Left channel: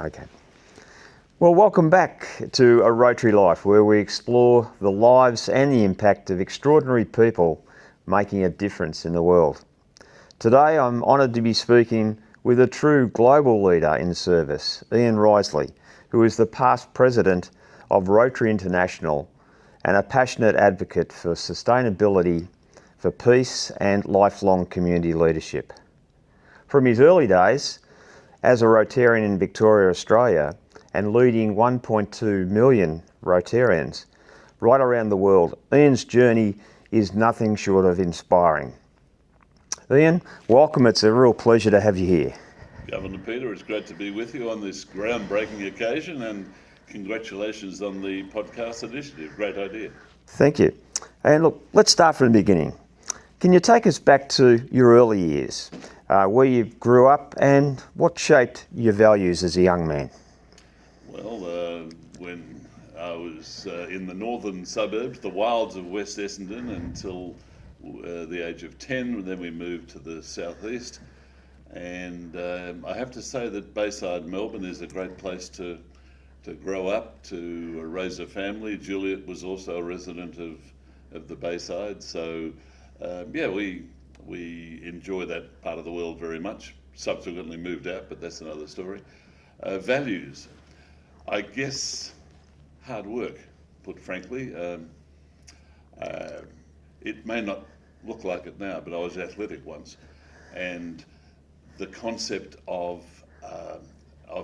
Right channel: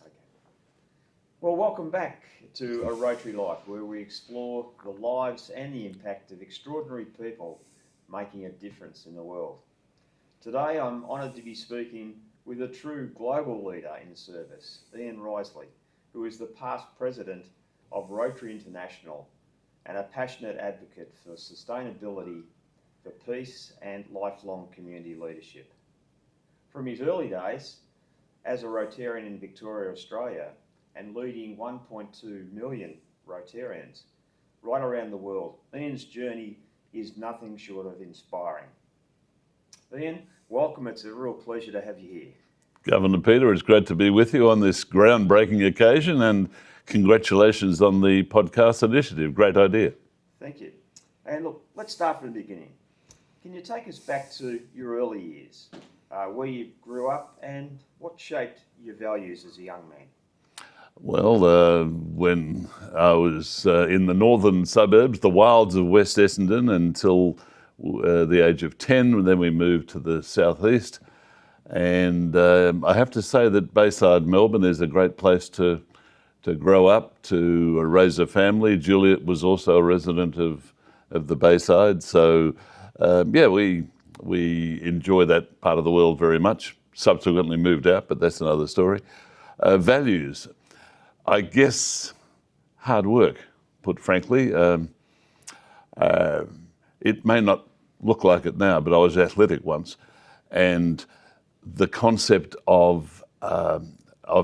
Okay. Well, welcome back to A Rotary Life, where we explore the lives and the impact of extraordinary people making a difference in the world. Today, I'm honoured to be speaking with a true global leader in service, Ian Riseley, who is the past president of Rotary International and a passionate advocate for sustainability, for peace and lifelong community leadership. From his early days as a Rotarian in Victoria, Australia, and leading 1.2 million Rotarians right around the world, Ian's journey is nothing short of inspiring. Ian, welcome. It's a real pleasure to have you here. Governor Peter, it's great to be with you on this groundbreaking occasion, and congratulations on the podcast initiative. Great idea. Thank you. And look, let's start from the beginning. Can you take us back to your early years, where you grew up and what shaped your values as a young man? Well, when I was in the northern suburbs, the wilds of West Essendon, until the age of 10, and then we moved to the southeast. And I have to say that Bayside Melbourne is a great place to grow up, to raise a family. Juliet was also a resident of the Bayside, so we enjoy that part of the world very much. Subsequently moved out, but that's another story. Values. I guess hard work, put frankly. It may not look like it now, but I was athletic once, and the concept of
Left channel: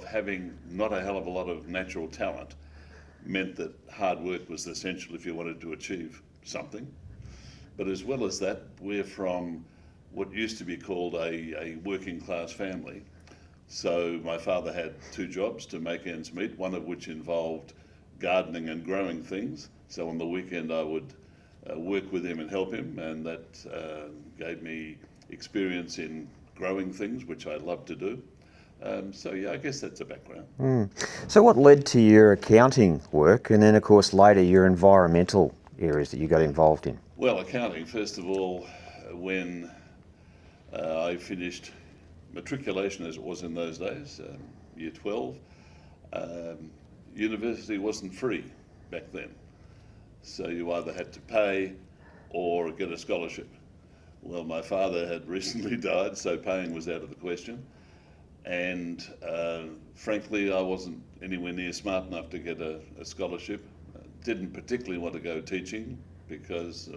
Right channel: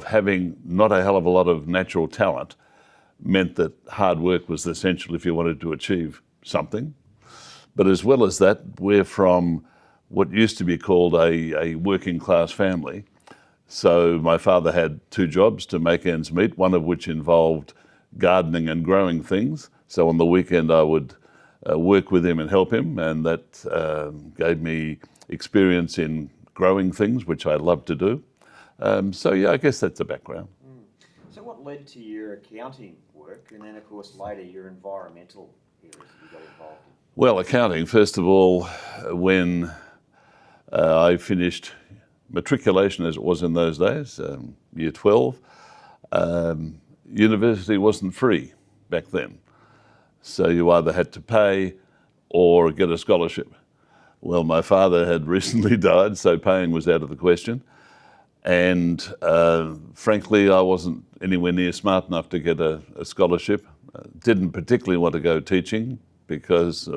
having not a hell of a lot of natural talent meant that hard work was essential if you wanted to achieve something. But as well as that, we're from what used to be called a working class family. So my father had two jobs to make ends meet, one of which involved gardening and growing things. So on the weekend I would work with him and help him, and that gave me experience in growing things, which I love to do. I guess that's the background. So what led to your accounting work and then, of course, later your environmental areas that you got involved in? Well, accounting, first of all, when I finished matriculation, as it was in those days, year 12, university wasn't free back then. So you either had to pay or get a scholarship. Well, my father had recently died, so paying was out of the question. And frankly, I wasn't anywhere near smart enough to get a scholarship. Didn't particularly want to go teaching because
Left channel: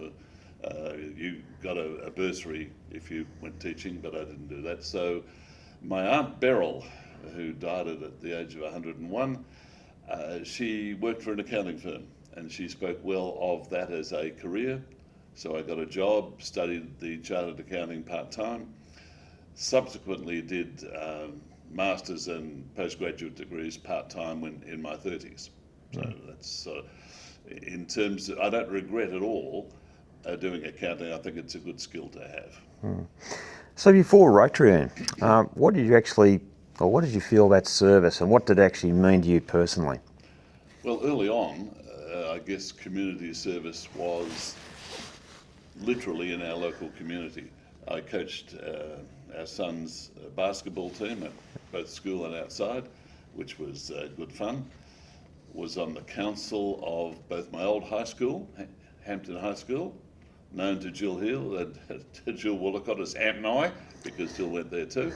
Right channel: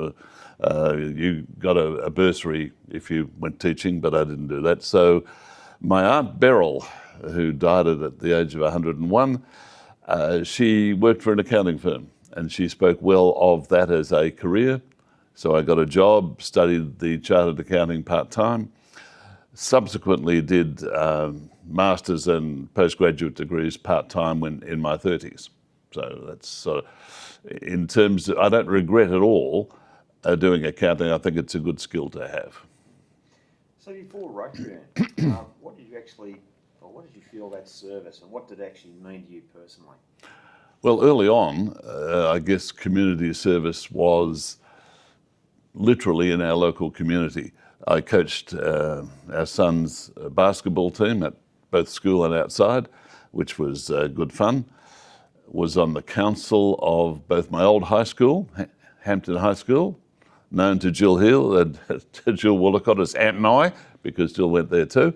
you got a bursary if you went teaching, but I didn't do that. So my Aunt Beryl, who died at the age of 101, she worked for an accounting firm, and she spoke well of that as a career. So I got a job, studied the chartered accounting part-time, subsequently did master's and postgraduate degrees part-time when in my 30s. So that's in terms of, I don't regret at all doing accounting. I think it's a good skill to have. So before Rotary, what did you feel about service, and what did it actually mean to you personally? Well, early on, I guess community service was literally in our local community. I coached our son's basketball team at both school and outside, which was good fun. Was on the council of both my old high school, Hampton High School, known to Jill Hill and to Jill Woolacott as Aunt and I, because Jill went there too.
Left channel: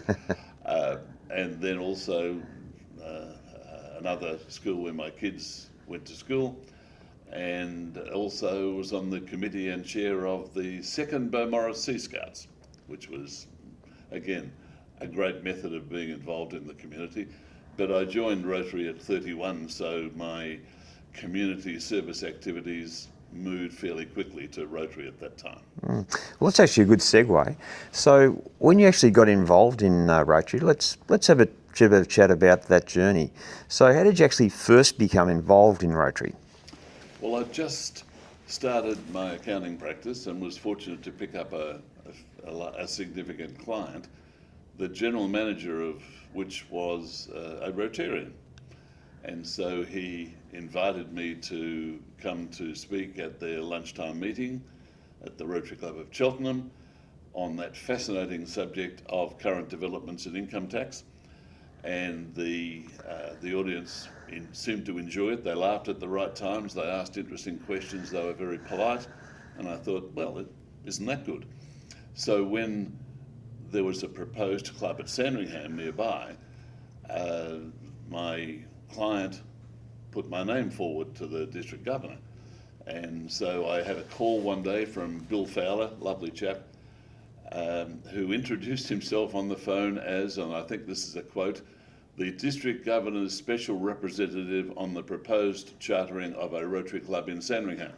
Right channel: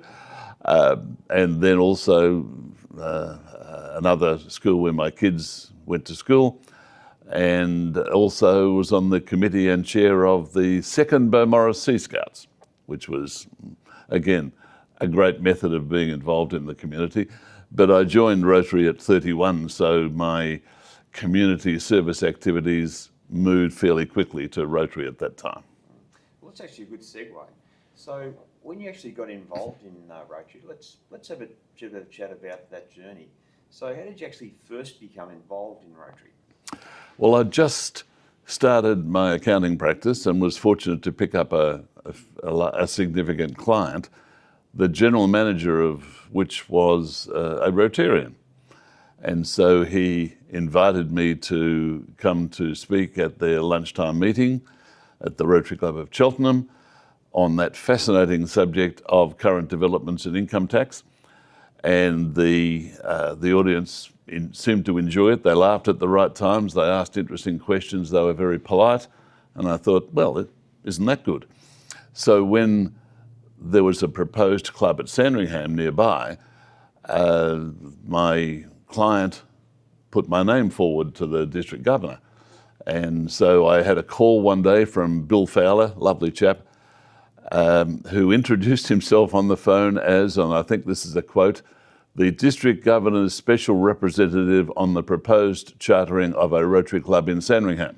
And then also another school where my kids went to school, and also was on the committee and chair of the second Beaumaris Sea Scouts, which was, again, a great method of being involved in the community. But I joined Rotary at 31, so my community service activities moved fairly quickly to Rotary at that time. Well, that's actually a good segue. So when you actually got involved in Rotary, let's have a bit of a chat about that journey. So how did you actually first become involved in Rotary? Well, I just started my accounting practice and was fortunate to pick up a significant client, the general manager of which was a Rotarian. And so he invited me to come to speak at their lunchtime meeting at the Rotary Club of Cheltenham on that fascinating subject of current developments in income tax. and the audience seemed to enjoy it. They laughed at the right times. They asked interesting questions. They were very polite, and I thought, well, isn't that good? So when there was a proposed club at Sandringham nearby, my client put my name forward to the district governor. And so I had a call one day from Bill Fowler, lovely chap, who introduced himself on the phone as, and I think this is a quote, the district governor's special representative on the proposed chartering of a Rotary Club in Sandringham.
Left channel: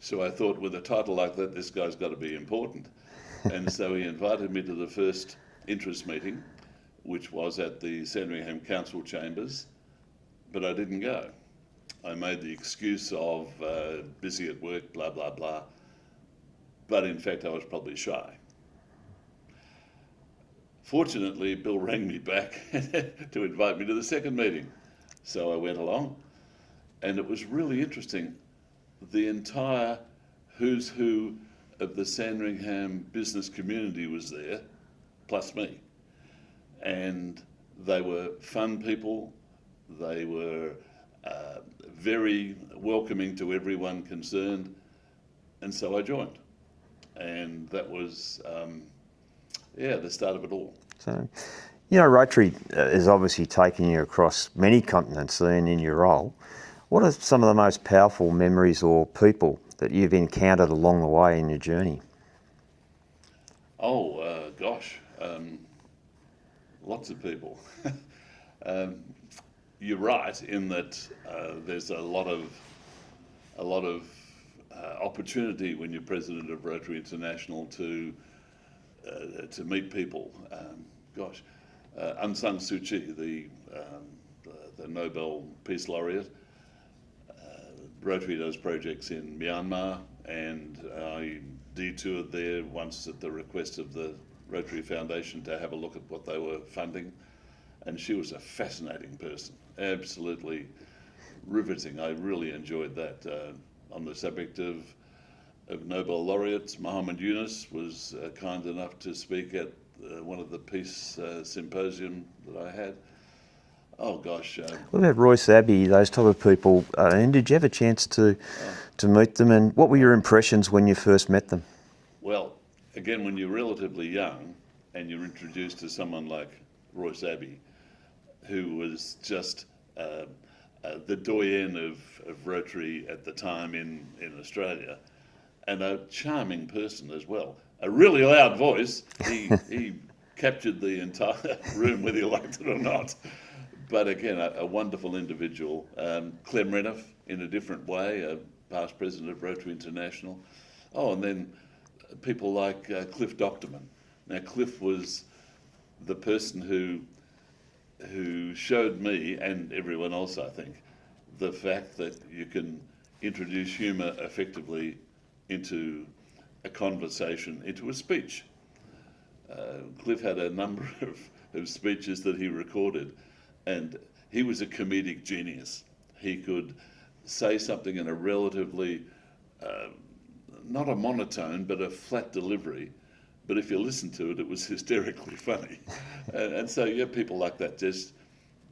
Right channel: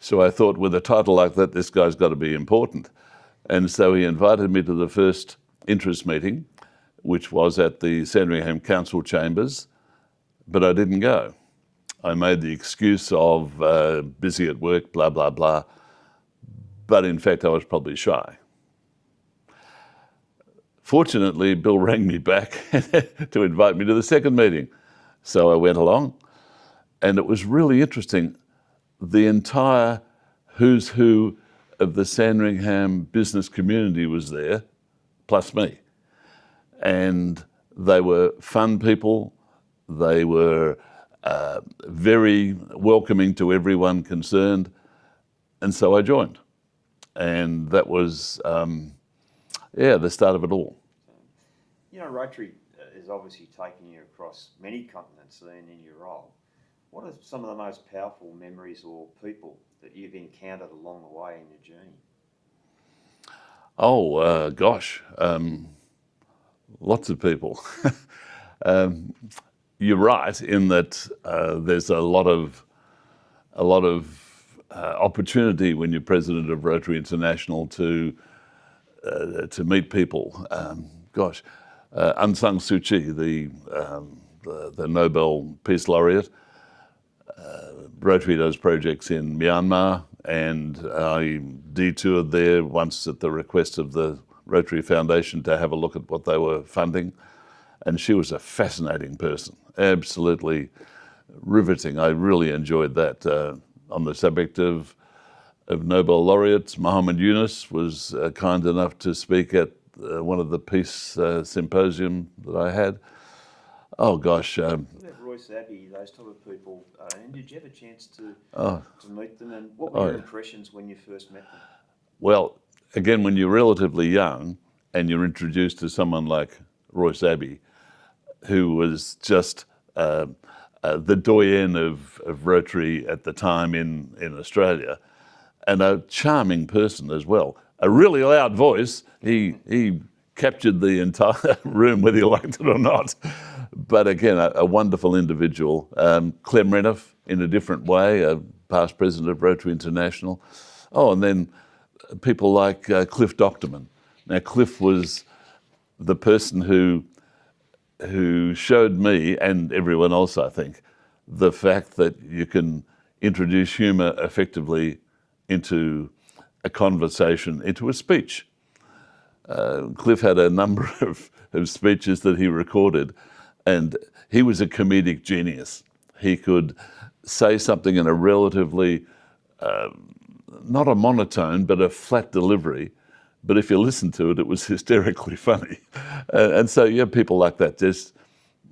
So I thought, with a title like that, this guy's got to be important. And so he invited me to the first interest meeting, which was at the Sandringham Council chambers, but I didn't go. I made the excuse of busy at work, blah, blah, blah. But in fact, I was probably shy. Fortunately, Bill rang me back to invite me to the second meeting. So I went along, and it was really interesting. The entire who's who of the Sandringham business community was there, plus me. And they were fun people. They were very welcoming to everyone concerned. And so I joined. And that was, the start of it all. So, Rotary is obviously taking you across many continents and in your role. What are some of the most powerful memories or people that you've encountered along the way in your journey? Oh, gosh, lots of people. You're right in that there's a lot of opportunity when you're president of Rotary International to meet people. Aung San Suu Kyi, the Nobel Peace Laureate. Rotary does projects in Myanmar, and I detoured there once at the request of the Rotary Foundation to have a look at what they were funding. And she was a fascinating person, absolutely riveting. I really enjoyed that. On the subject of Nobel laureates, Muhammad Yunus was kind enough to speak at one of the peace symposium that I had. Oh gosh. What about Royce Abbey, those type of people? And did you have a chance to meet them? And what were your impressions when you first met them? Well, again, when you're relatively young and you're introduced to someone like Royce Abbey, who was just the doyen of Rotary at the time in Australia, and a charming person as well. A really loud voice. He captured the entire room, whether you liked it or not. But again, a wonderful individual. Clem Renouf, in a different way, a past president of Rotary International. Oh, and then people like Cliff Docterman. Now, Cliff was the person who showed me, and everyone else, I think, the fact that you can introduce humour effectively into a conversation, into a speech. Cliff had a number of speeches that he recorded, and he was a comedic genius. He could say something in a relatively, not a monotone, but a flat delivery. But if you listen to it, it was hysterically funny. And so you have people like that, just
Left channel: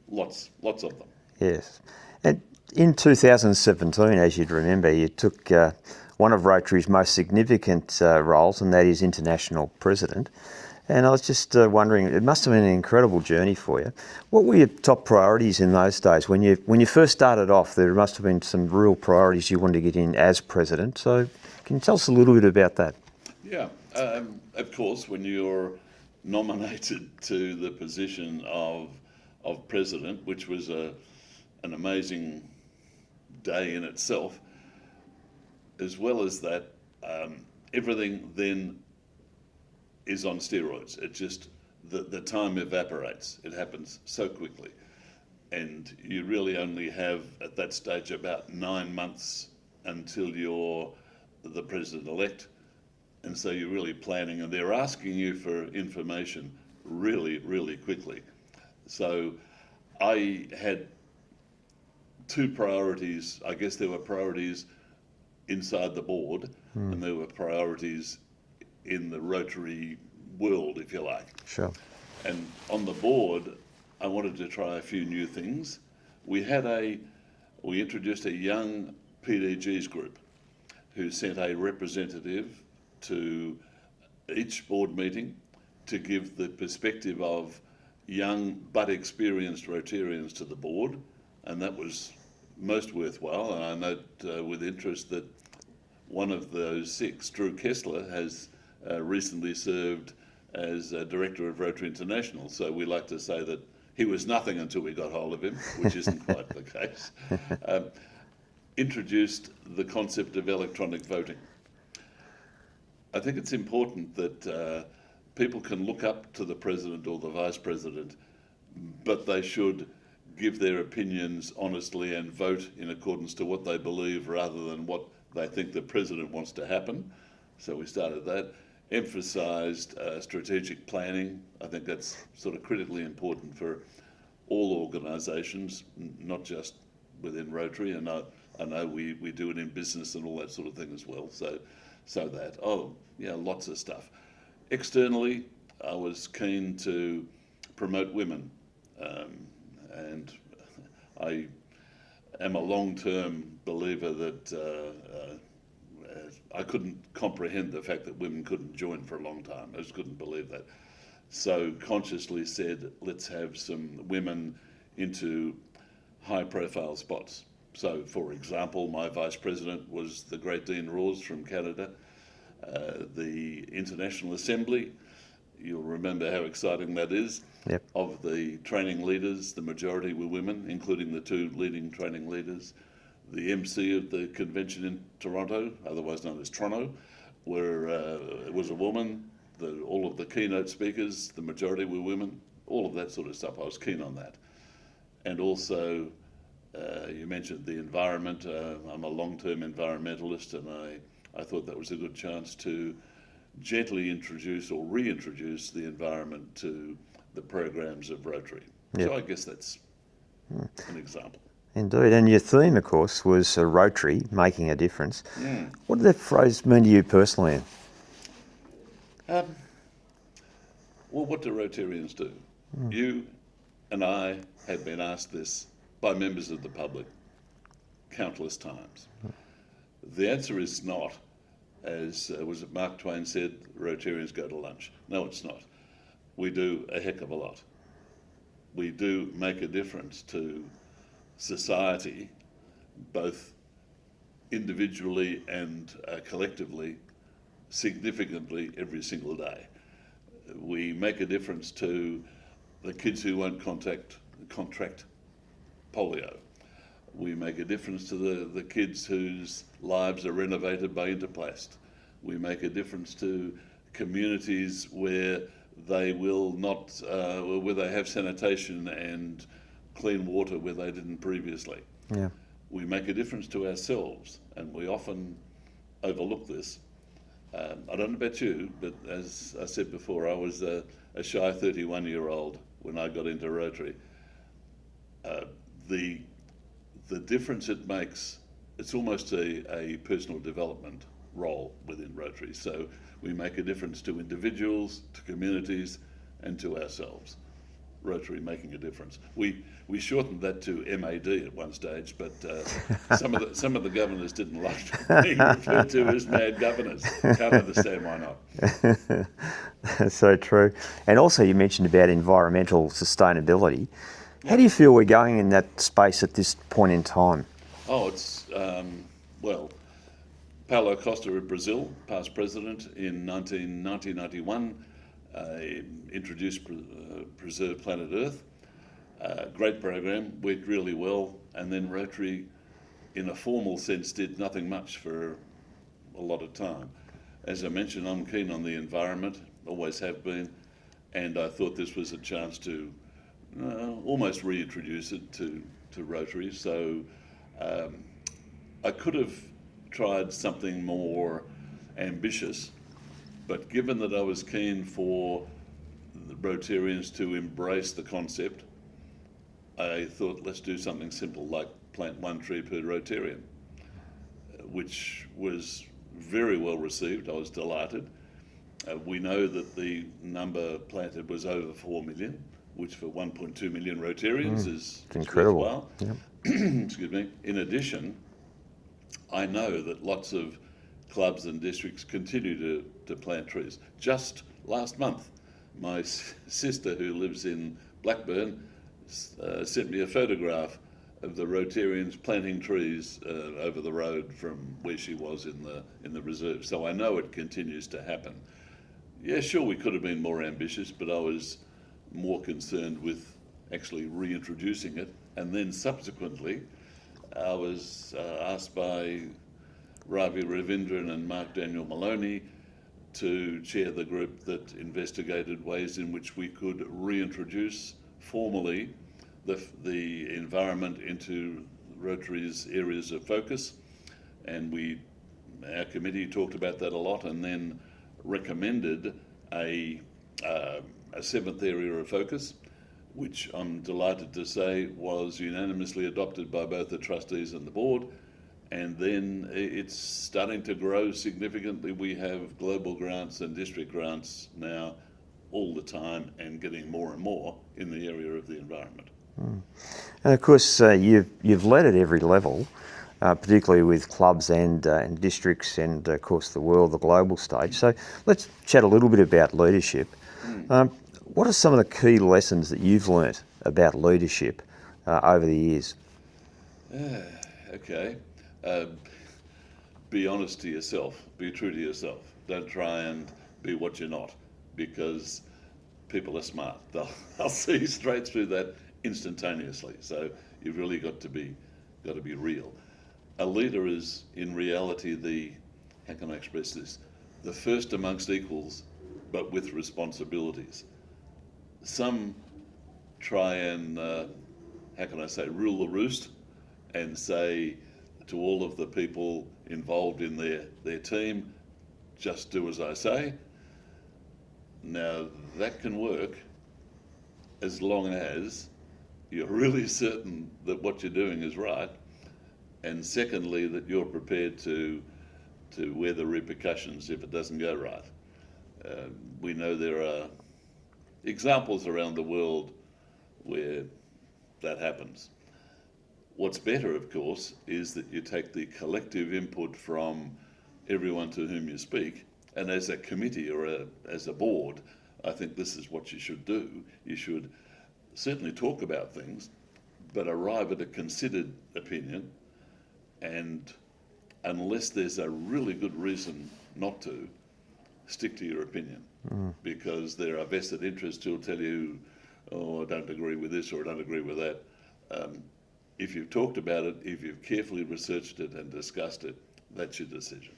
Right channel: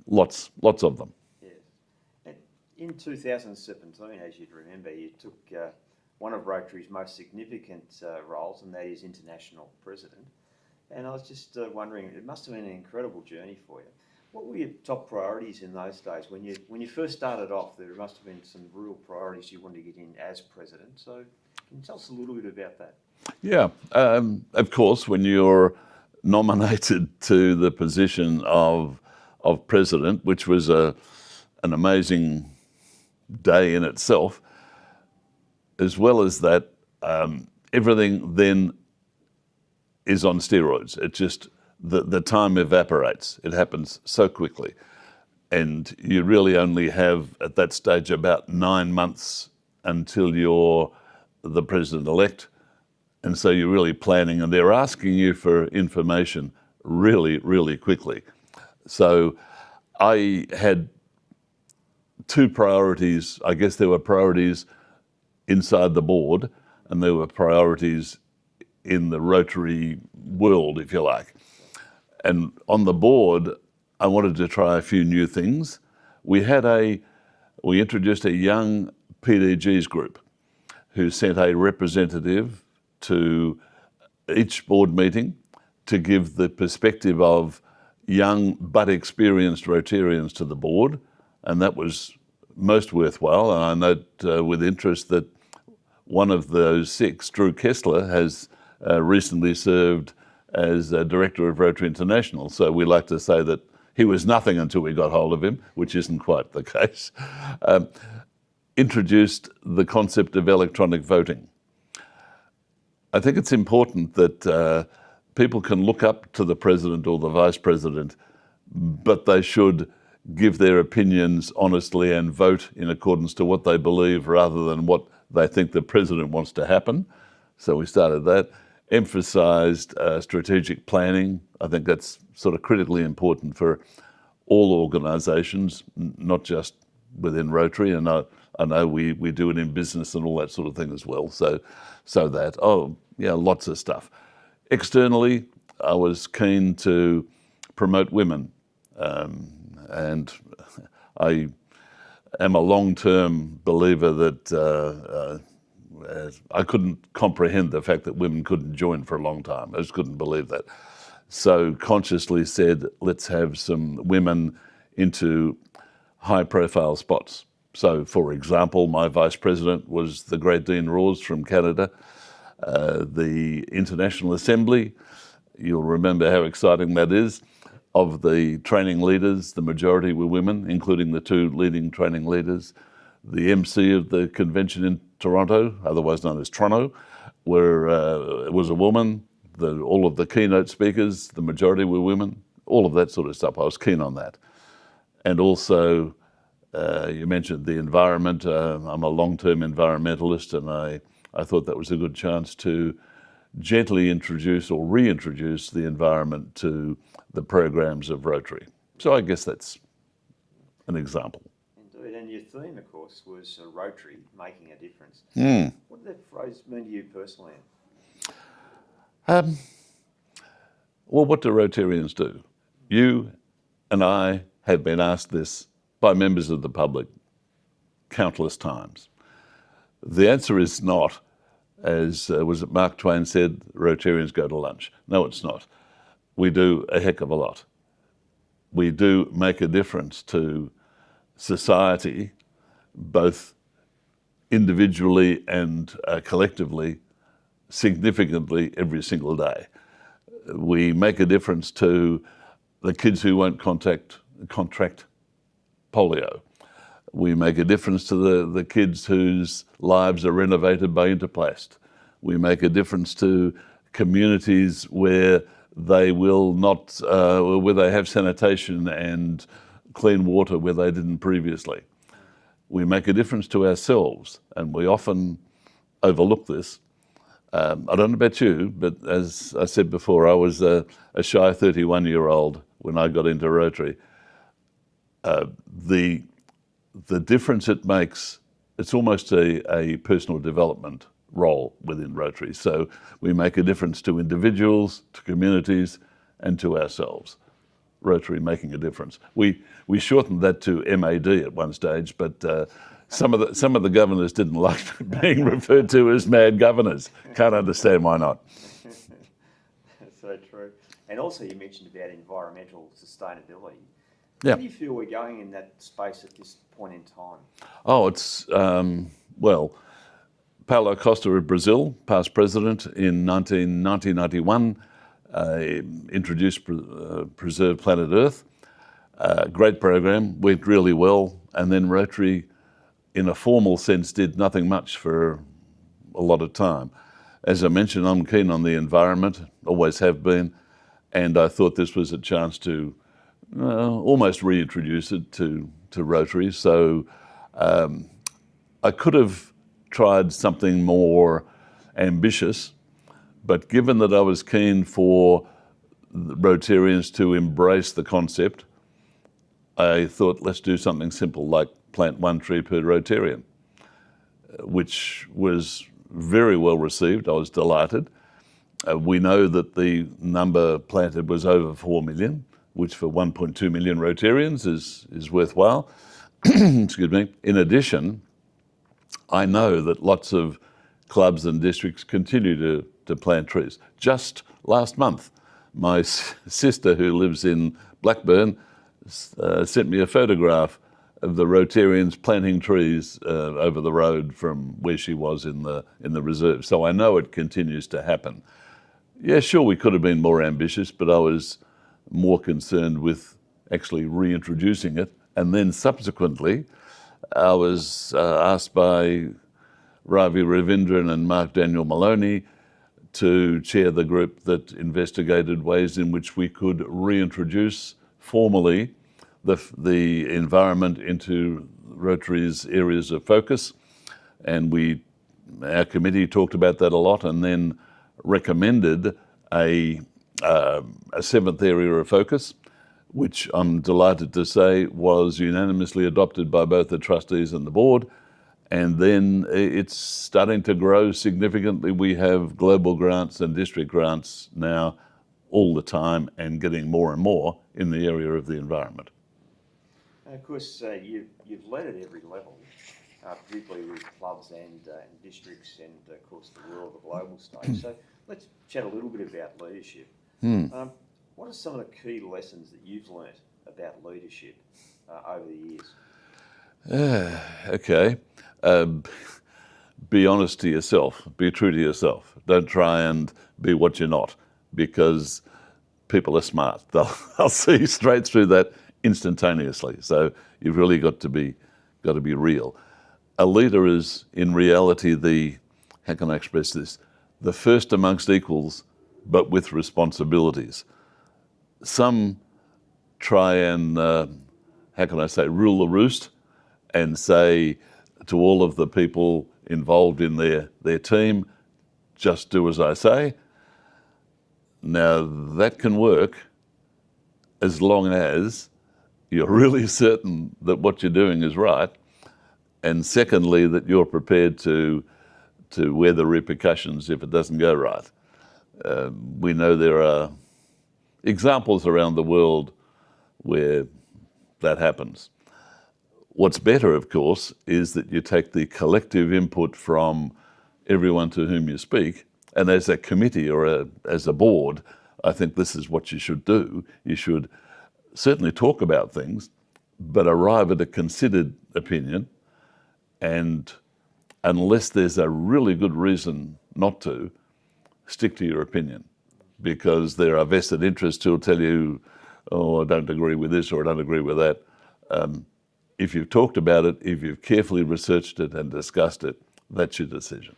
lots of them. Yes. And in 2017, as you'd remember, you took one of Rotary's most significant roles, and that is international president. And I was just wondering, it must have been an incredible journey for you. What were your top priorities in those days? When you first started off, there must have been some real priorities you wanted to get in as president. So can you tell us a little bit about that? Yeah, of course, when you're nominated to the position of president, which was an amazing day in itself, as well as that, everything then is on steroids. It just, the time evaporates. It happens so quickly. And you really only have, at that stage, about 9 months until you're the president-elect. And so you're really planning, and they're asking you for information really, really quickly. So I had two priorities. I guess there were priorities inside the board, and there were priorities in the Rotary world, if you like. Sure. And on the board, I wanted to try a few new things. We introduced a young PDGs group who sent a representative to each board meeting to give the perspective of young but experienced Rotarians to the board, and that was most worthwhile. And I note with interest that one of those 6, Drew Kessler, has recently served as director of Rotary International. So we like to say that he was nothing until we got hold of him, which isn't quite the case. Introduced the concept of electronic voting. I think it's important that people can look up to the president or the vice president, but they should give their opinions honestly and vote in accordance to what they believe rather than what they think the president wants to happen. So we started that. Emphasised strategic planning. I think that's sort of critically important for all organisations, not just within Rotary. And I know we do it in business and all that sort of thing as well. So that, lots of stuff. Externally, I was keen to promote women. And I am a long-term believer that I couldn't comprehend the fact that women couldn't join for a long time. I just couldn't believe that. So consciously said, let's have some women into high-profile spots. So, for example, my vice president was the great Dean Rawes from Canada. The International Assembly, you'll remember how exciting that is. Yep. Of the training leaders, the majority were women, including the 2 leading training leaders. The MC of the convention in Toronto, otherwise known as Toronto, was a woman. All of the keynote speakers, the majority were women. All of that sort of stuff. I was keen on that. And also, you mentioned the environment. I'm a long-term environmentalist, and I thought that was a good chance to gently introduce or reintroduce the environment to the programs of Rotary. Yep. So I guess that's an example. Indeed, and your theme, of course, was Rotary, making a difference. What did that phrase mean to you personally? Well, what do Rotarians do? You and I have been asked this by members of the public countless times. The answer is not, as was it Mark Twain said, Rotarians go to lunch. No, it's not. We do a heck of a lot. We do make a difference to society, both individually and collectively, significantly every single day. We make a difference to the kids who won't contract polio. We make a difference to the kids whose lives are renovated by Interplast. We make a difference to communities where they will not, where they have sanitation and clean water where they didn't previously. Yeah. We make a difference to ourselves, and we often overlook this. I don't know about you, but as I said before, I was a shy 31-year-old when I got into Rotary. The difference it makes, it's almost a personal development role within Rotary. So we make a difference to individuals, to communities, and to ourselves. Rotary making a difference. We shortened that to MAD at one stage, but some of the governors didn't like being referred to as mad governors. Can't understand why not. That's so true. And also you mentioned about environmental sustainability. Yep. How do you feel we're going in that space at this point in time? Oh, it's, well, Paulo Costa of Brazil, past president, in 1991, introduced Preserve Planet Earth. Great program, went really well, and then Rotary, in a formal sense, did nothing much for a lot of time. As I mentioned, I'm keen on the environment, always have been, and I thought this was a chance to almost reintroduce it to Rotary. So I could have tried something more ambitious, but given that I was keen for Rotarians to embrace the concept, I thought, let's do something simple like plant 1 tree per Rotarian, which was very well received. I was delighted. We know that the number planted was over 4 million, which for 1.2 million Rotarians is incredible. worthwhile. Excuse me. In addition, I know that lots of clubs and districts continue to plant trees. Just last month, my sister, who lives in Blackburn, sent me a photograph of the Rotarians planting trees over the road from where she was in the reserve. So I know it continues to happen. Yeah, sure, we could have been more ambitious, but I was more concerned with actually reintroducing it. And then subsequently, I was asked by Ravi Ravindran and Mark Daniel Maloney to chair the group that investigated ways in which we could reintroduce formally the environment into Rotary's areas of focus. And our committee talked about that a lot and then recommended a seventh area of focus, which I'm delighted to say was unanimously adopted by both the trustees and the board. And then it's starting to grow significantly. We have global grants and district grants now all the time and getting more and more in the area of the environment. And of course, you've led at every level, particularly with clubs and districts and, of course, the world, the global stage. So let's chat a little bit about leadership. What are some of the key lessons that you've learnt about leadership over the years? Okay. Be honest to yourself. Be true to yourself. Don't try and be what you're not, because people are smart. They'll see straight through that instantaneously. So you've really got to be real. A leader is, in reality, how can I express this? The first amongst equals, but with responsibilities. Some try and, rule the roost and say to all of the people involved in their team, just do as I say. Now, that can work as long as you're really certain that what you're doing is right, and secondly, that you're prepared to wear the repercussions if it doesn't go right. We know there are examples around the world where that happens. What's better, of course, is that you take the collective input from everyone to whom you speak, and as a committee or as a board, I think this is what you should do. You should certainly talk about things, but arrive at a considered opinion, and unless there's a really good reason not to, stick to your opinion, because there are vested interests who'll tell you, oh, I don't agree with this or I don't agree with that. If you've talked about it, if you've carefully researched it and discussed it, that's your decision.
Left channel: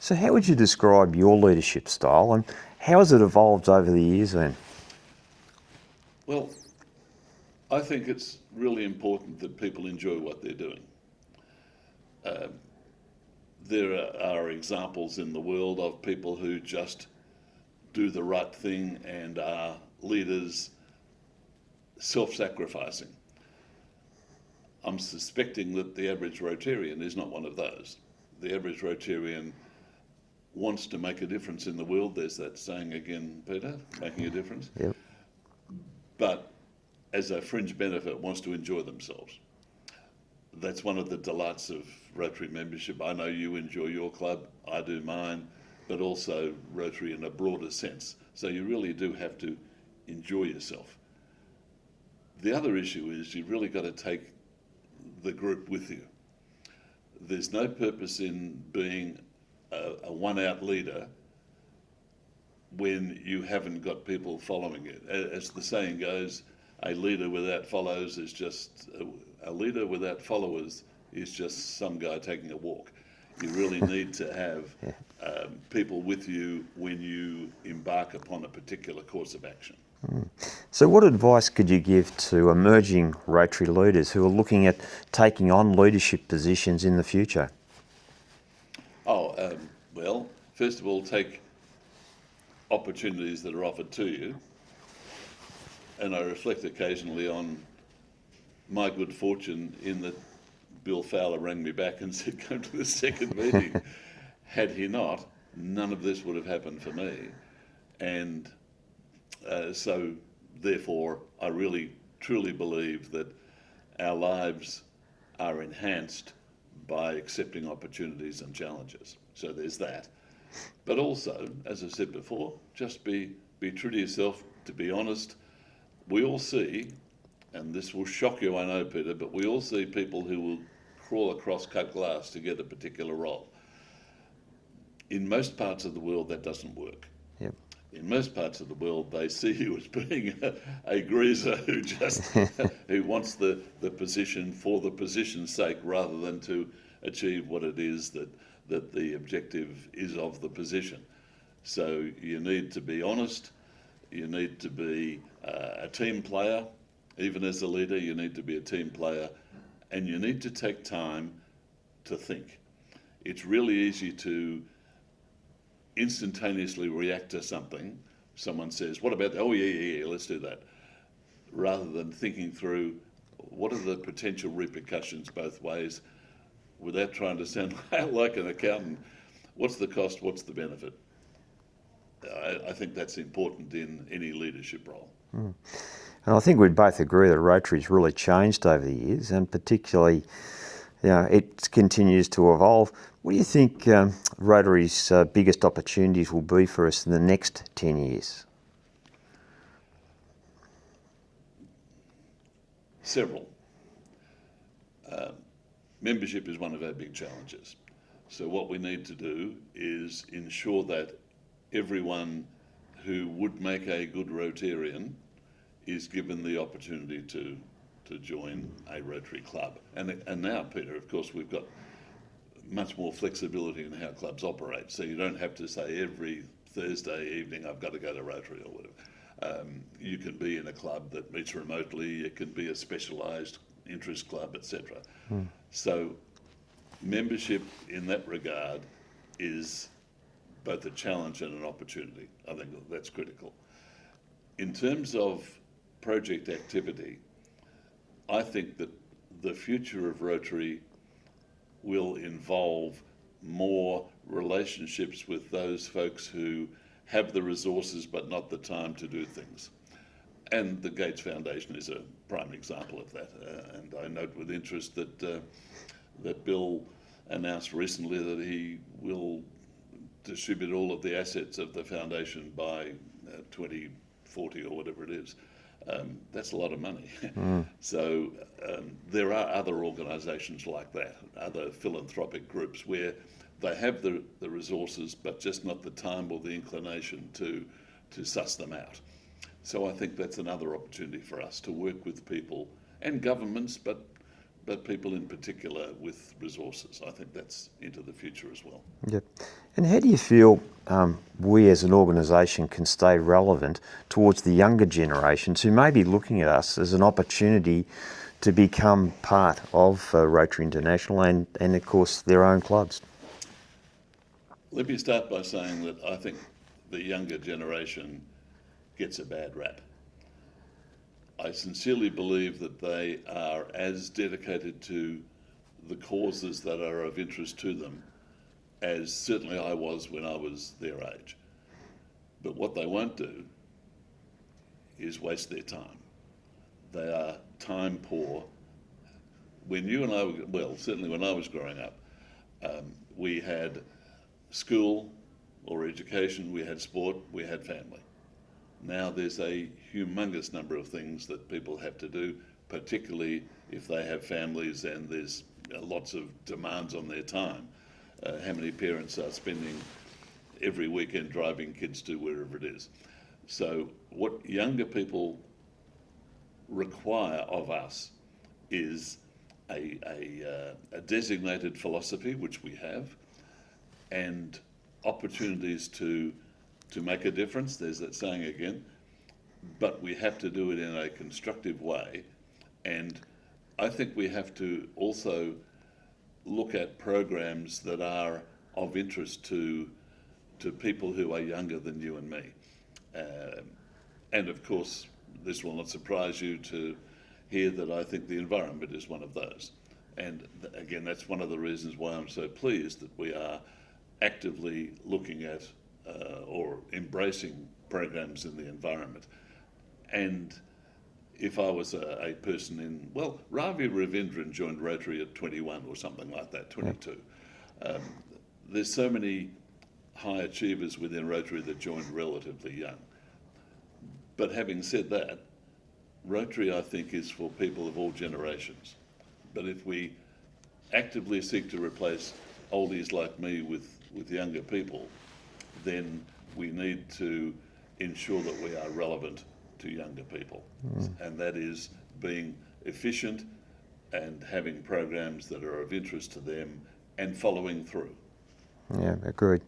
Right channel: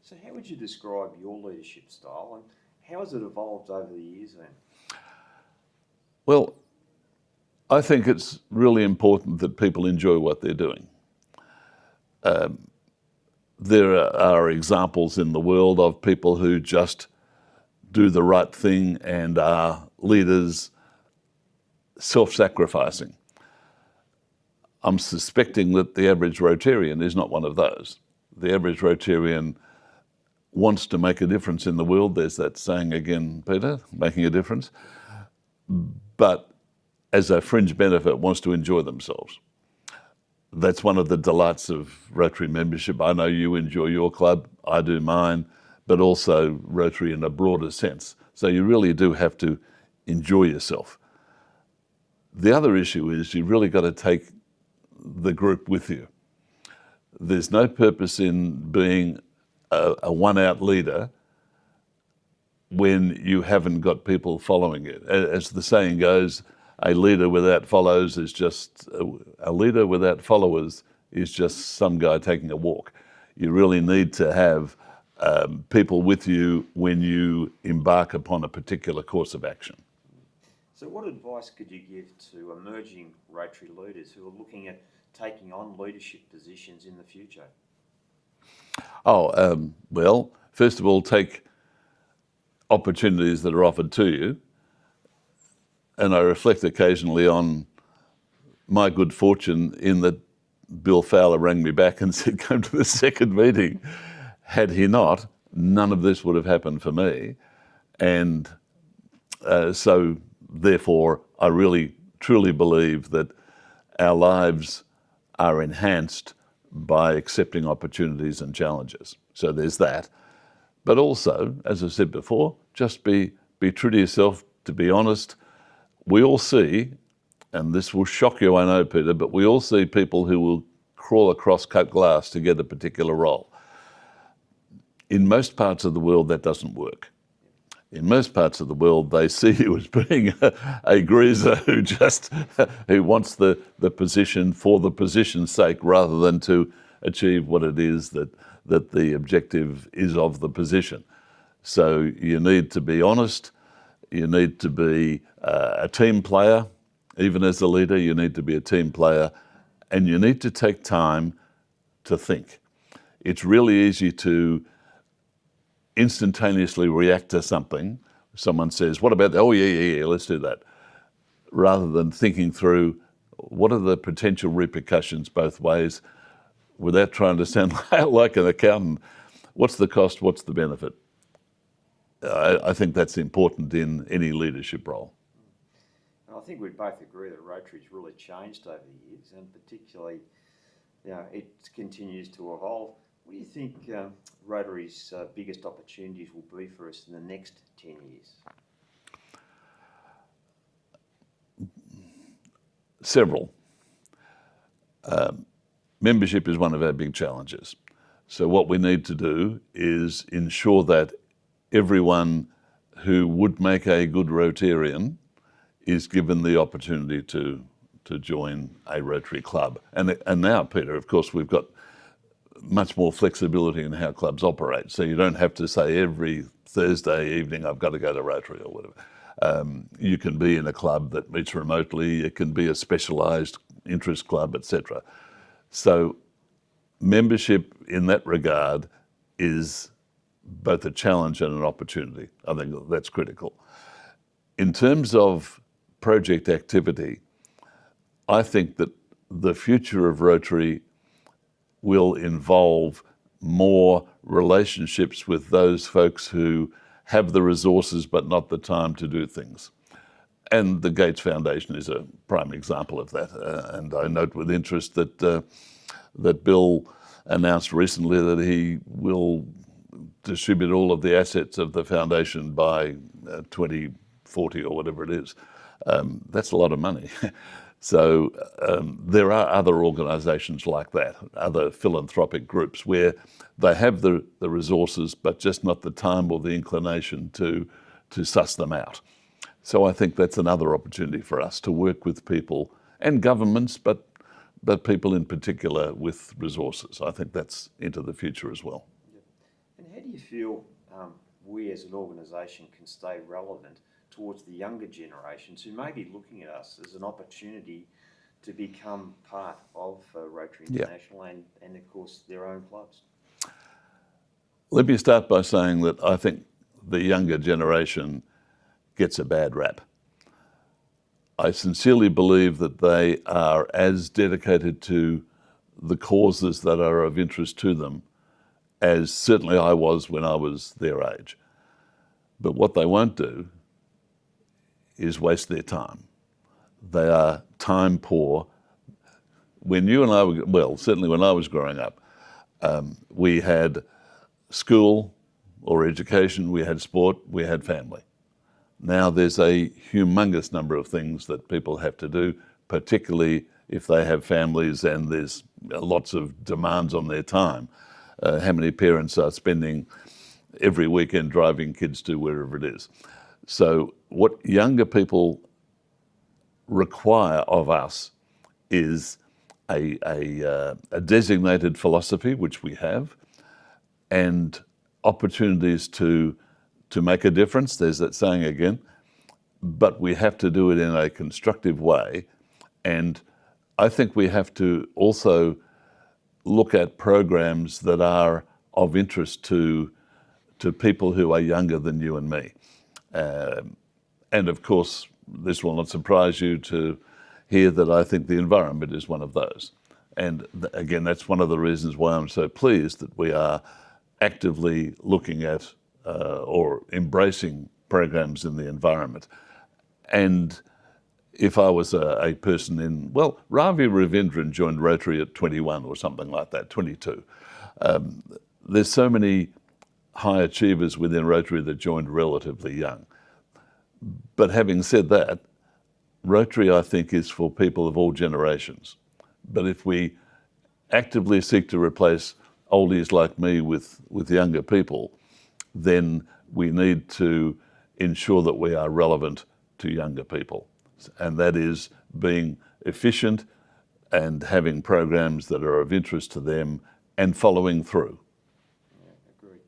So how would you describe your leadership style, and how has it evolved over the years then? Well, I think it's really important that people enjoy what they're doing. There are examples in the world of people who just do the right thing and are leaders self-sacrificing. I'm suspecting that the average Rotarian is not one of those. The average Rotarian wants to make a difference in the world. There's that saying again, Peter, making a difference. Yep. But as a fringe benefit, wants to enjoy themselves. That's one of the delights of Rotary membership. I know you enjoy your club, I do mine, but also Rotary in a broader sense. So you really do have to enjoy yourself. The other issue is you've really got to take the group with you. There's no purpose in being a one-out leader when you haven't got people following it. As the saying goes, a leader without followers is just a leader without followers is just some guy taking a walk. You really need to have people with you when you embark upon a particular course of action. So what advice could you give to emerging Rotary leaders who are looking at taking on leadership positions in the future? Well, first of all, take opportunities that are offered to you. And I reflect occasionally on my good fortune in that Bill Fowler rang me back and said, come to the second meeting. Had he not, none of this would have happened for me. And so therefore, I really truly believe that our lives are enhanced by accepting opportunities and challenges. So there's that. But also, as I said before, just be true to yourself, to be honest. We all see, and this will shock you, I know, Peter, but we all see people who will crawl across cut glass to get a particular role. In most parts of the world, that doesn't work. Yep. In most parts of the world, they see you as being a greaser who just who wants the position for the position's sake, rather than to achieve what it is that the objective is of the position. So you need to be honest. You need to be a team player. Even as a leader, you need to be a team player, and you need to take time to think. It's really easy to instantaneously react to something. Someone says, what about that? Oh, yeah, let's do that. Rather than thinking through what are the potential repercussions both ways, without trying to sound like an accountant. What's the cost? What's the benefit? I think that's important in any leadership role. Mm. And I think we'd both agree that Rotary's really changed over the years, and particularly, it continues to evolve. What do you think Rotary's biggest opportunities will be for us in the next 10 years? Several. Membership is one of our big challenges. So what we need to do is ensure that everyone who would make a good Rotarian is given the opportunity to join a Rotary club. And now, Peter, of course, we've got much more flexibility in how clubs operate. So you don't have to say every Thursday evening, I've got to go to Rotary or whatever. You can be in a club that meets remotely. It can be a specialised interest club, etc. So membership in that regard is both a challenge and an opportunity. I think that's critical. In terms of project activity, I think that the future of Rotary will involve more relationships with those folks who have the resources but not the time to do things. And the Gates Foundation is a prime example of that. And I note with interest that Bill announced recently that he will distribute all of the assets of the foundation by 2040 or whatever it is. That's a lot of money. So there are other organisations like that, other philanthropic groups where they have the resources but just not the time or the inclination to suss them out. So I think that's another opportunity for us to work with people and governments, but people in particular with resources. I think that's into the future as well. Yep. And how do you feel we as an organisation can stay relevant towards the younger generations who may be looking at us as an opportunity to become part of Rotary International and of course, their own clubs? Let me start by saying that I think the younger generation gets a bad rap. I sincerely believe that they are as dedicated to the causes that are of interest to them as certainly I was when I was their age. But what they won't do is waste their time. They are time poor. When you and I were, well, certainly when I was growing up, we had school or education, we had sport, we had family. Now there's a humongous number of things that people have to do, particularly if they have families and there's lots of demands on their time. How many parents are spending every weekend driving kids to wherever it is? So what younger people require of us is a designated philosophy, which we have, and opportunities to make a difference. There's that saying again, but we have to do it in a constructive way. And I think we have to also look at programs that are of interest to people who are younger than you and me. And of course, this will not surprise you to hear that I think the environment is one of those. And again, that's one of the reasons why I'm so pleased that we are actively looking at or embracing programs in the environment. And if I was a person in, well, Ravi Ravindran joined Rotary at 21 or something like that, 22. There's so many high achievers within Rotary that joined relatively young. But having said that, Rotary, I think, is for people of all generations. But if we actively seek to replace oldies like me with younger people, then we need to ensure that we are relevant to younger people. And that is being efficient and having programs that are of interest to them and following through. Yeah, agreed.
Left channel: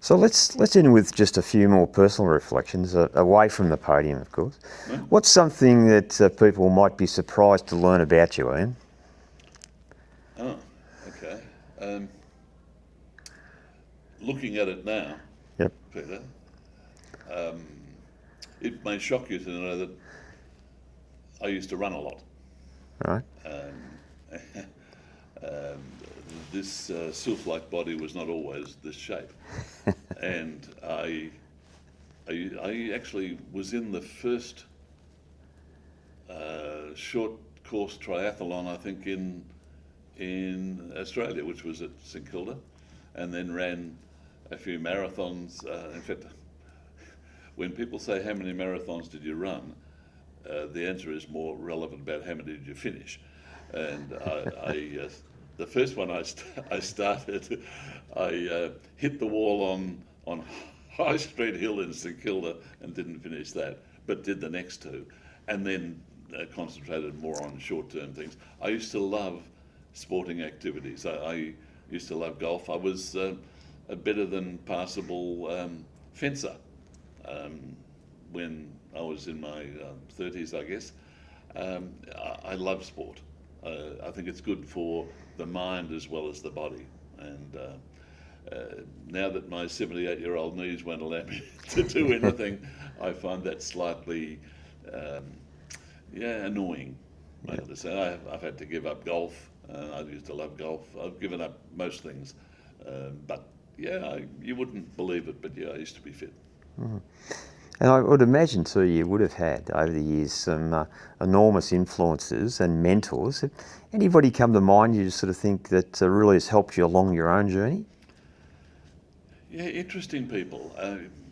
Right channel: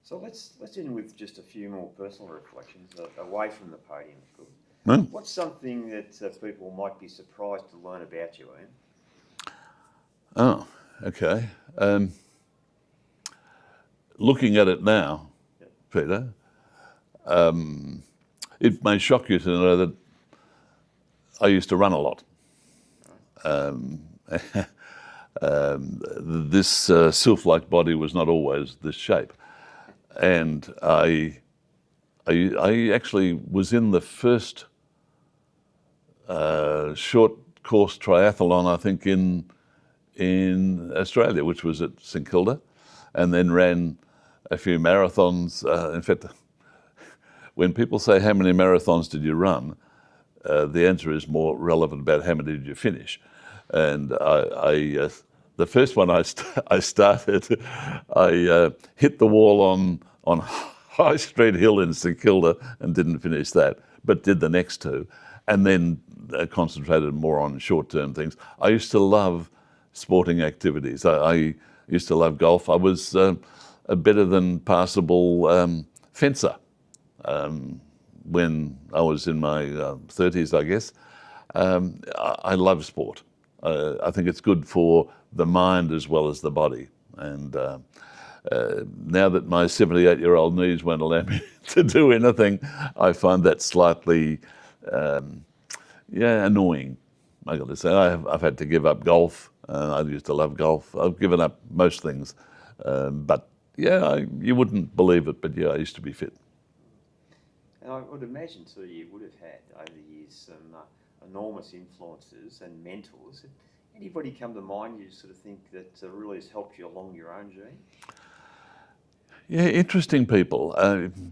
So let's end with just a few more personal reflections, away from the podium, of course. What's something that people might be surprised to learn about you, Ian? Oh, okay. Looking at it now, Yep. Peter, it may shock you to know that I used to run a lot. Right. This sylph-like body was not always this shape. And I actually was in the first short course triathlon, I think, in Australia, which was at St Kilda, and then ran a few marathons. In fact, when people say how many marathons did you run, the answer is more relevant about how many did you finish. And the first one I started, I hit the wall on High Street Hill in St Kilda and didn't finish that, but did the next two, and then concentrated more on short-term things. I used to love sporting activities. I used to love golf. I was a better than passable fencer when I was in my 30s, I guess. I love sport. I think it's good for the mind as well as the body. And now that my 78-year-old knees won't allow me to do anything, I find that slightly, annoying. I got to say, I've had to give up golf. I used to love golf. I've given up most things, but you wouldn't believe it, but I used to be fit. Mm. And I would imagine too, you would have had over the years some enormous influences and mentors. Anybody come to mind you sort of think that really has helped you along your own journey? Yeah, interesting people.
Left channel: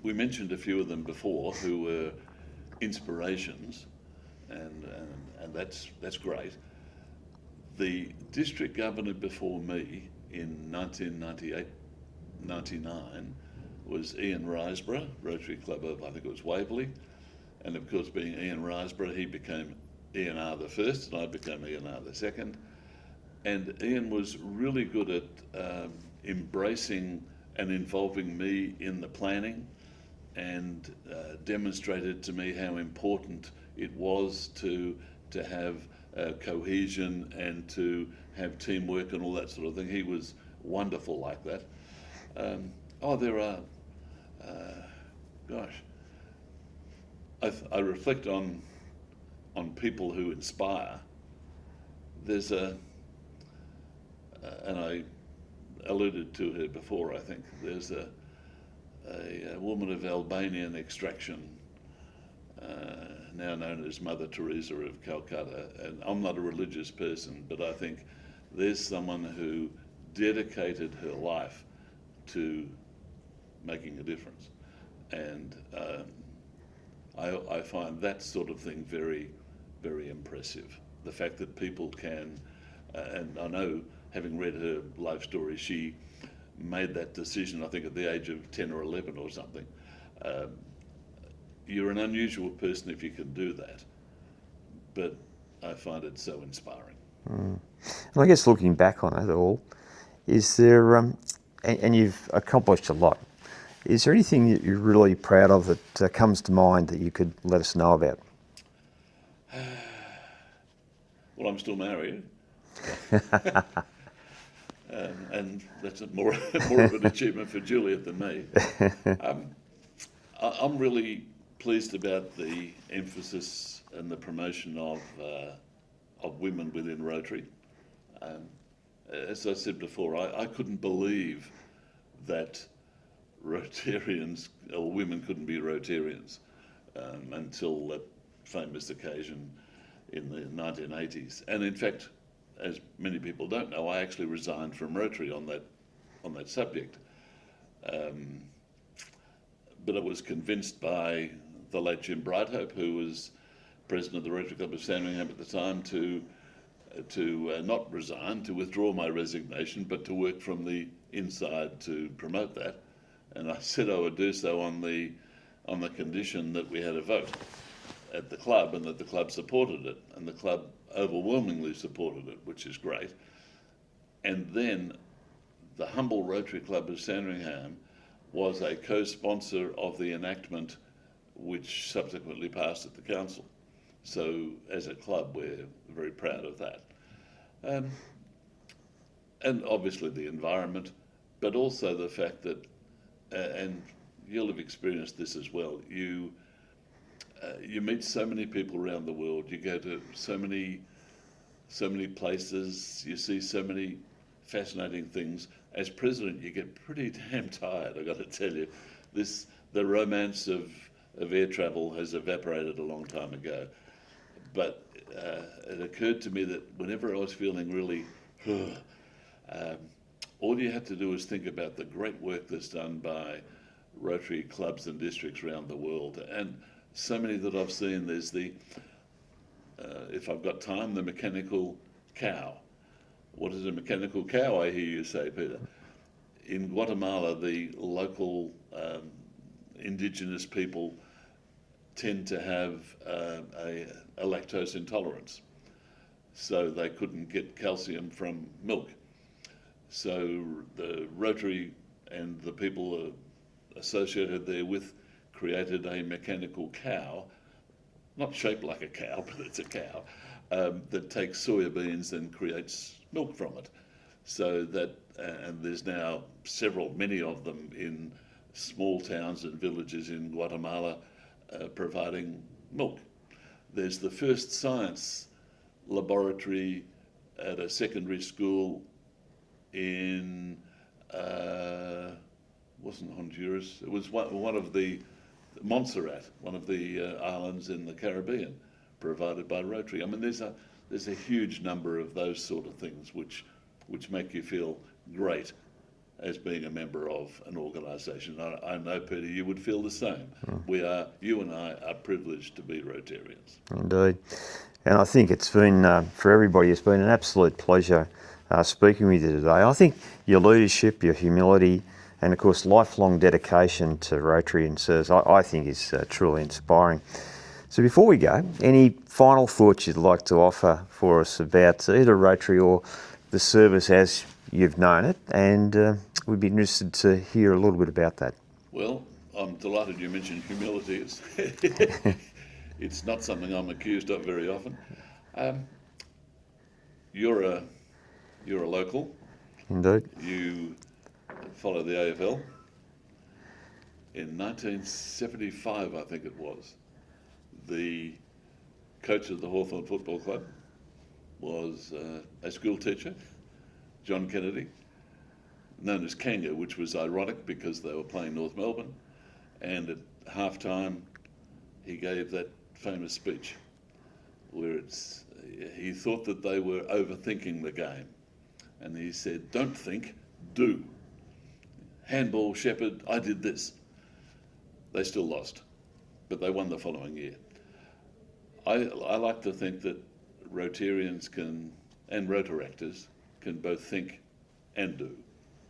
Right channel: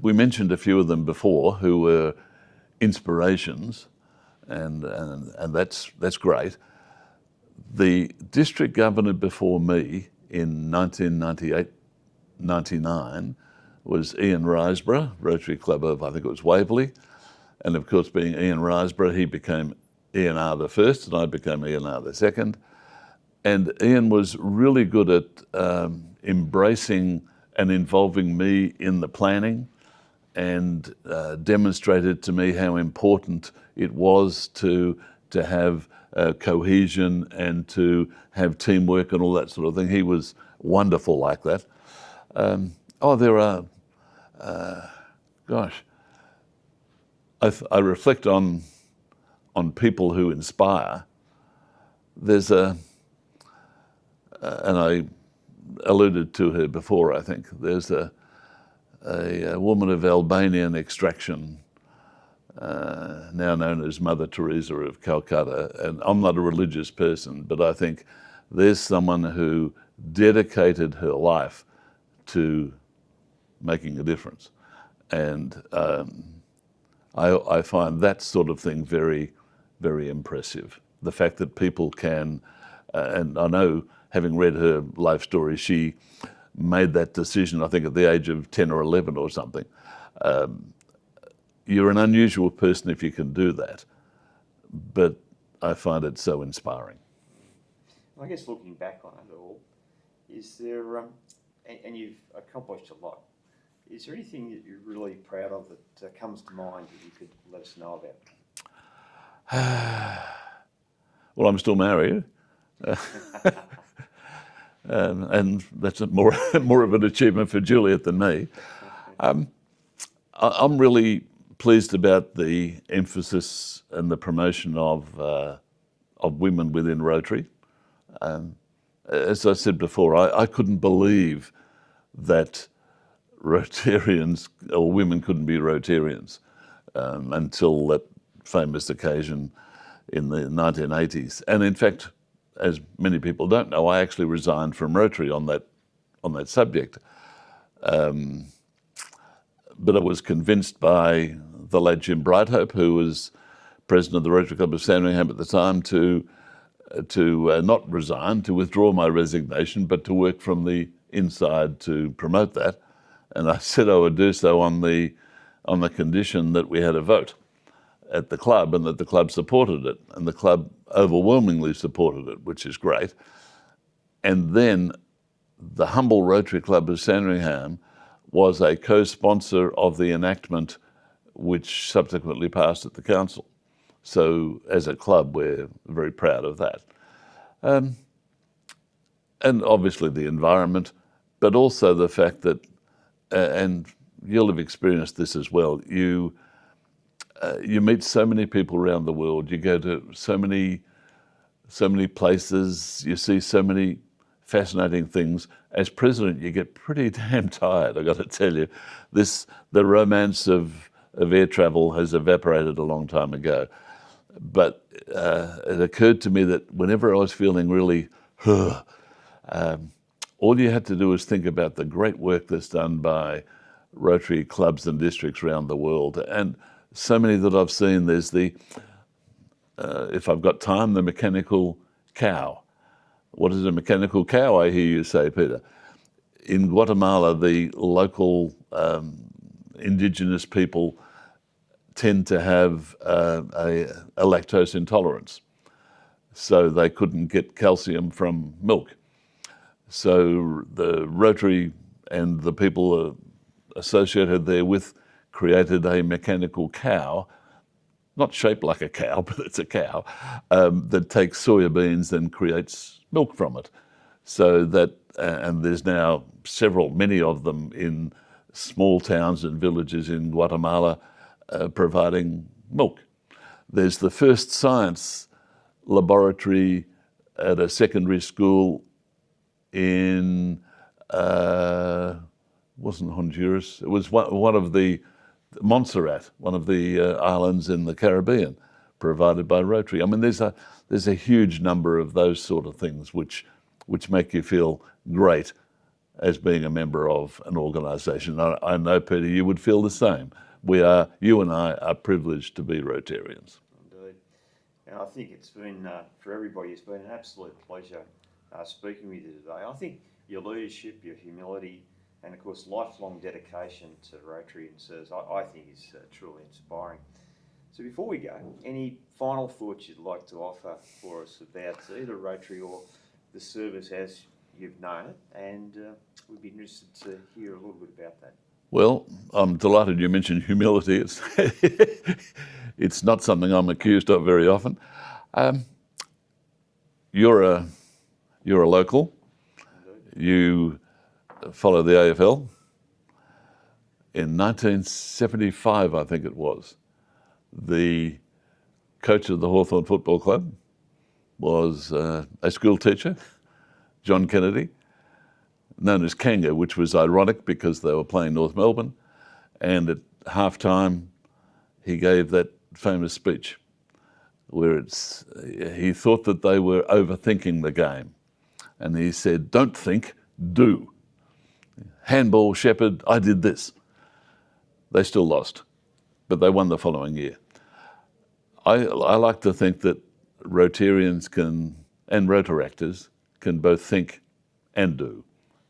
We mentioned a few of them before who were inspirations, and that's great. The district governor before me in 1998-99 was Ian Riseborough, Rotary Club of, I think it was Waverley. And of course, being Ian Riseborough, he became Ian R the first and I became Ian R the second. And Ian was really good at embracing and involving me in the planning, and demonstrated to me how important it was to have cohesion and to have teamwork and all that sort of thing. He was wonderful like that. There are, I reflect on people who inspire. There's and I alluded to her before, I think. There's a woman of Albanian extraction, now known as Mother Teresa of Calcutta. And I'm not a religious person, but I think there's someone who dedicated her life to making a difference. And I find that sort of thing very, very impressive. The fact that people can, and I know, having read her life story, she made that decision, I think, at the age of 10 or 11 or something. You're an unusual person if you can do that, but I find it so inspiring. Mm. And I guess looking back on it all, is there, and you've accomplished a lot, is there anything that you're really proud of that comes to mind that you could let us know about? Well, I'm still married. And that's more of an achievement for Juliet than me. I'm really pleased about the emphasis and the promotion of women within Rotary. As I said before, I couldn't believe that Rotarians or women couldn't be Rotarians until famous occasion in the 1980s. And in fact, as many people don't know, I actually resigned from Rotary on that subject. But I was convinced by the late Jim Brighthope, who was president of the Rotary Club of Sandringham at the time, to not resign, to withdraw my resignation, but to work from the inside to promote that. And I said I would do so on the condition that we had a vote at the club and that the club supported it. And the club overwhelmingly supported it, which is great. And then the humble Rotary Club of Sandringham was a co-sponsor of the enactment which subsequently passed at the council. So as a club, we're very proud of that. And obviously the environment, but also the fact that, and you'll have experienced this as well, you meet so many people around the world, you go to so many places, you see so many fascinating things. As president, you get pretty damn tired, I've got to tell you. The romance of air travel has evaporated a long time ago. But it occurred to me that whenever I was feeling really, all you had to do was think about the great work that's done by Rotary clubs and districts around the world. And so many that I've seen, there's if I've got time, the mechanical cow. What is a mechanical cow, I hear you say, Peter? In Guatemala, the local indigenous people tend to have a lactose intolerance. So they couldn't get calcium from milk. So the Rotary and the people associated therewith created a mechanical cow, not shaped like a cow, but it's a cow, that takes soya beans and creates milk from it. So that, and there's now many of them in small towns and villages in Guatemala providing milk. There's the first science laboratory at a secondary school in, wasn't Honduras, it was one of the, Montserrat, one of the islands in the Caribbean, provided by Rotary. I mean, there's a huge number of those sort of things which make you feel great as being a member of an organisation. I know, Peter, you would feel the same. You and I are privileged to be Rotarians. Indeed. And I think it's been, for everybody, it's been an absolute pleasure speaking with you today. I think your leadership, your humility, and of course lifelong dedication to Rotary and service, I think is truly inspiring. So before we go, any final thoughts you'd like to offer for us about either Rotary or the service as you've known it? And we'd be interested to hear a little bit about that. Well, I'm delighted you mentioned humility. It's not something I'm accused of very often. You're a local. Indeed. You follow the AFL. In 1975, I think it was, the coach of the Hawthorn Football Club was a school teacher, John Kennedy, known as Kanga, which was ironic because they were playing North Melbourne. And at halftime, he gave that famous speech where he thought that they were overthinking the game. And he said, "Don't think, do. Handball, Shepherd, I did this." They still lost, but they won the following year. I like to think that Rotarians and Rotaractors can both think and do.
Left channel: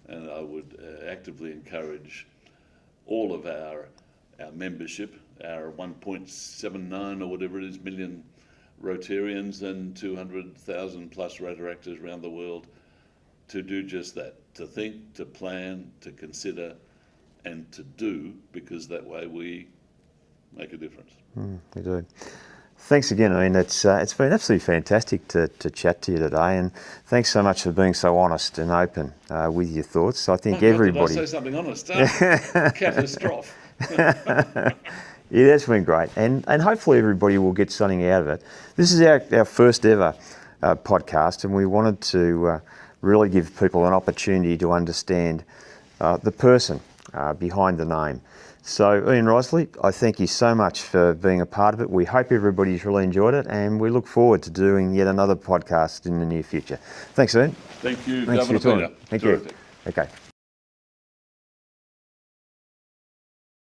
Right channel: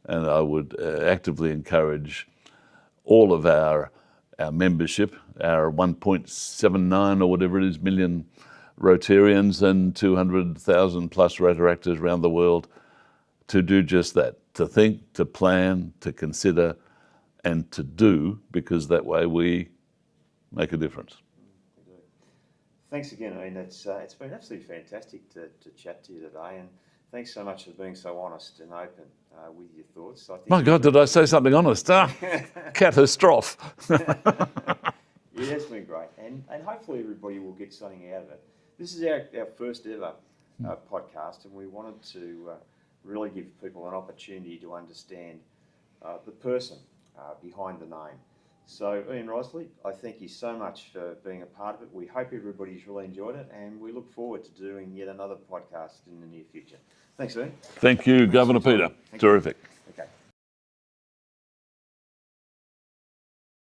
And I would actively encourage all of our membership, our 1.79 or whatever it is million Rotarians and 200,000 plus Rotaractors around the world, to do just that, to think, to plan, to consider, and to do, because that way we make a difference. We do. Thanks again. I mean, it's been absolutely fantastic to chat to you today, and thanks so much for being so honest and open with your thoughts. I think My God, did I say something honest? Catastrophe. It has been great, and hopefully everybody will get something out of it. This is our first ever podcast, and we wanted to really give people an opportunity to understand the person behind the name. So Ian Riseley, I thank you so much for being a part of it. We hope everybody's really enjoyed it, and we look forward to doing yet another podcast in the near future. Thanks, Ian. Thank you, Thanks for Governor your time. Peter. Thank Terrific. you. Okay.